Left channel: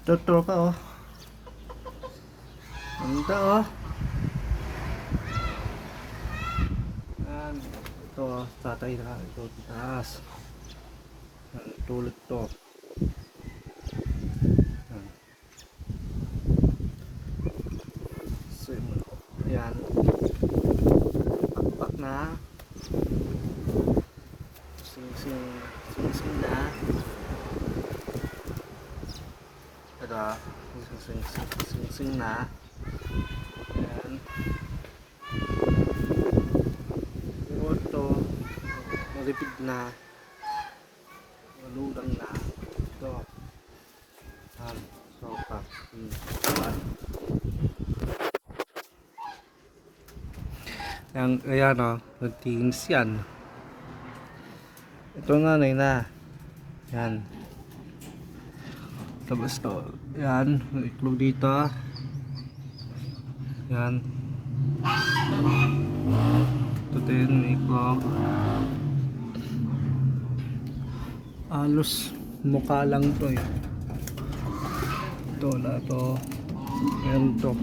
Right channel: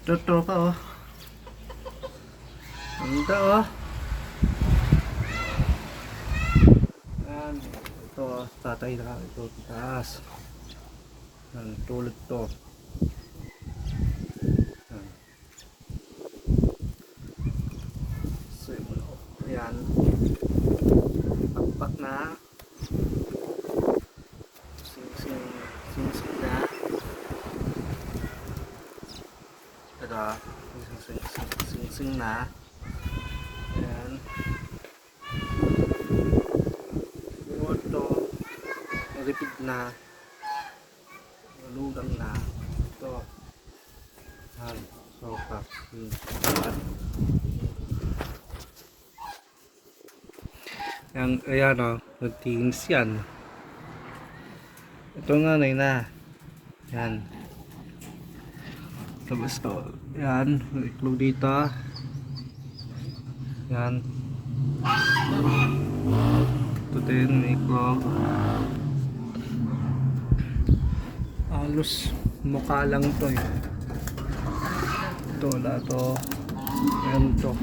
Totoo pa oh. Ganda oh. Yan. Ito oh, tatay na ito taas. Yan, tulad to. Yan. Simula oh. Yan. Pakpak na. Sing na. Ito, sing na. Ayan. Ito, malipid na. Malugang na. Ito. Ayan. So, ayan o, nagtingins yan. Ito nga na. Yan. Tapos ito. Yan. May iklog dito. Yan. Ito din. May iklog. Halos mukha lang ito eh. Ito wala ito. Ayan ito.